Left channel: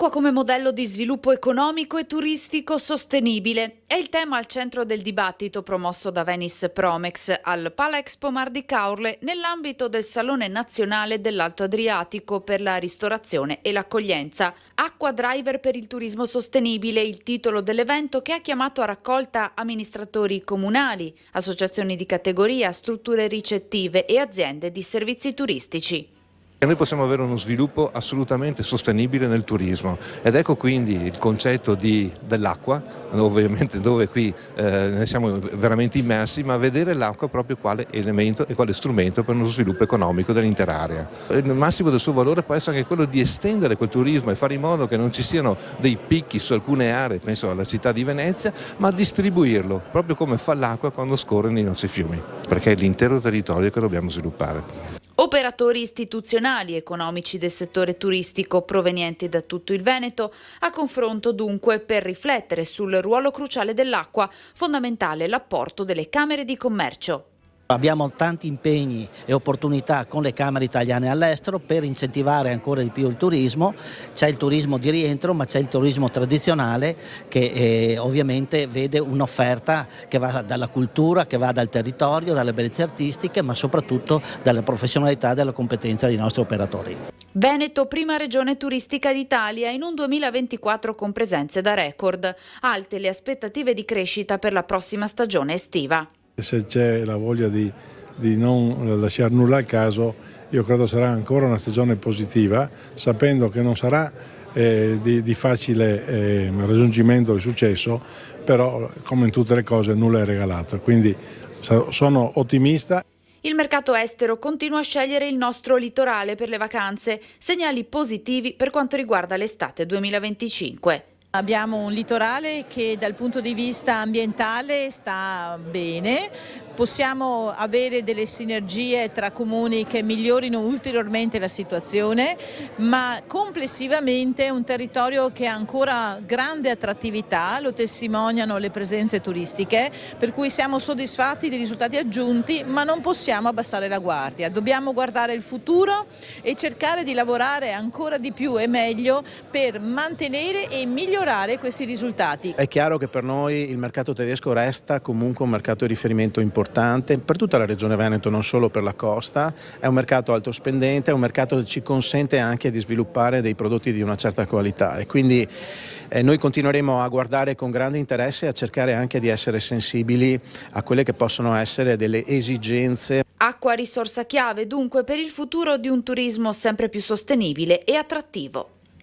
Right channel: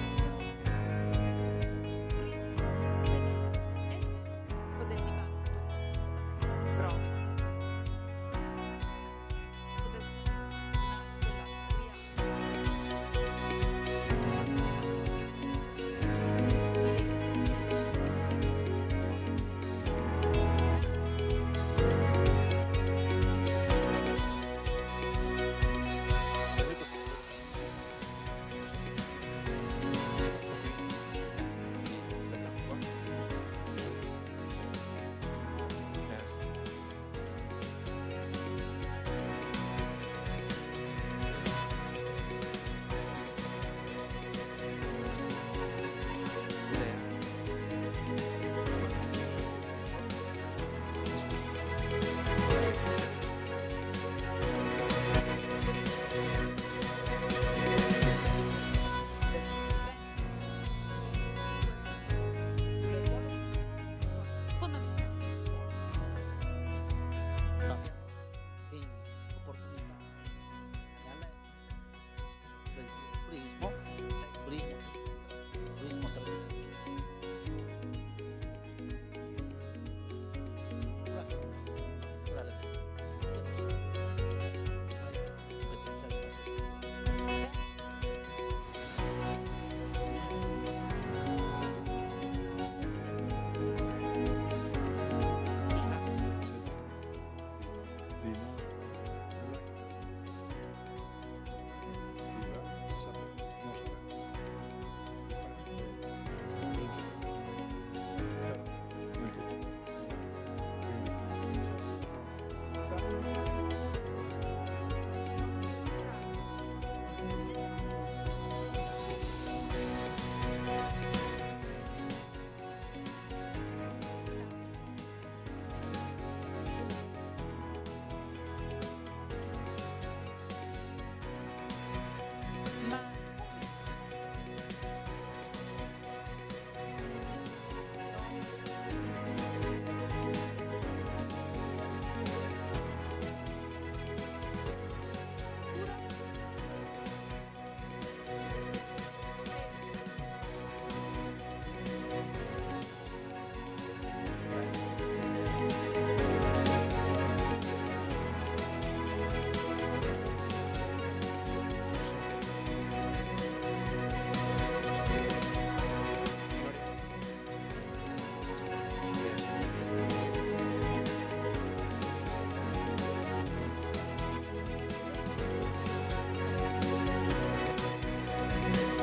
L'acqua come modello di sviluppo economico e turistico sostenibile è il tema al centro del dibattito promosso da Venice Promex al Pala Expo Mar di Caorle nell'ambito del Salone Nazionale dell'Alto Adriatico per la ristorazione e l'accoglienza. Acqua driver per il turismo sostenibile, il titolo dell'evento che ha chiamato a raccolta amministratori comunali, associazioni di categoria, strutture ricettive e aziende di servizi turistici. E noi possiamo avere uno sviluppo assolutamente sostenibile nel turismo ed ecco quindi il concetto dell'acqua, ovviamente dove qui ne siamo veramente immersi, ma vedere l'acqua proprio quale elemento e quale strumento per uno sviluppo economico dell'intera area. Il massimo del suo valore può essere anche quello di estendere quel turismo e fare in modo che non ci siano dei picchi su alcune aree, penso alla città di Venezia, ma distribuirlo proprio come fa l'acqua quando scorre nei nostri fiumi, perché è l'intero territorio che dobbiamo sviluppare. Operatori istituzionali e economici del settore turistico provenienti da tutto il Veneto, a confronto dunque per riflettere sul ruolo cruciale dell'acqua, fondamentale l'apporto delle camere di commercio. Abbiamo tanti impegni e opportunità con le Camere italiane all'estero per incentivare ancora di più il turismo. C'è il turismo di rientro, ma c'è il turismo tradizionale che ovviamente vede un'offerta che va dalla cultura, che va dal territorio, dalle bellezze artistiche, ma soprattutto dalle professionalità e dalla competenza dei nostri operatori. Veneto, prima regione turistica d'Italia, in un 2024 con presenze da record. Alte le aspettative di crescita per la prossima stagione estiva. Se c'è la voglia di non lasciare nulla al caso, io credo sarà ancora una stagione positiva, sapendo che non sarà di facile raggiungimento del successo, però come in tutte le cose nulla è regalato, quindi sono ottimista. Il mercato estero continua a scegliere il nostro litorale per le vacanze, segnali positivi per quanto riguarda l'estate 2025. Abbiamo un litorale che dal punto di vista ambientale sta bene, possiamo avere delle sinergie tra comuni che migliorino ulteriormente la situazione, ma complessivamente è un territorio che ha ancora grande attrattività, lo testimoniano le presenze turistiche, per cui siamo soddisfatti dei risultati aggiunti, ma non possiamo abbassare la guardia. Dobbiamo guardare il futuro e cercare di lavorare ancora di più e meglio per mantenere e migliorare questi risultati. È chiaro che per noi il mercato tedesco resta comunque un mercato di riferimento importante per tutta la regione Veneto, non solo per la costa. È un mercato alto spendente, è un mercato che ci consente anche di sviluppare dei prodotti di una certa qualità e quindi noi continueremo a guardare con grande interesse e a cercare anche di essere sensibili a quelle che possono essere delle esigenze. Acqua risorsa chiave dunque per il futuro di un turismo sempre più sostenibile e attrattivo.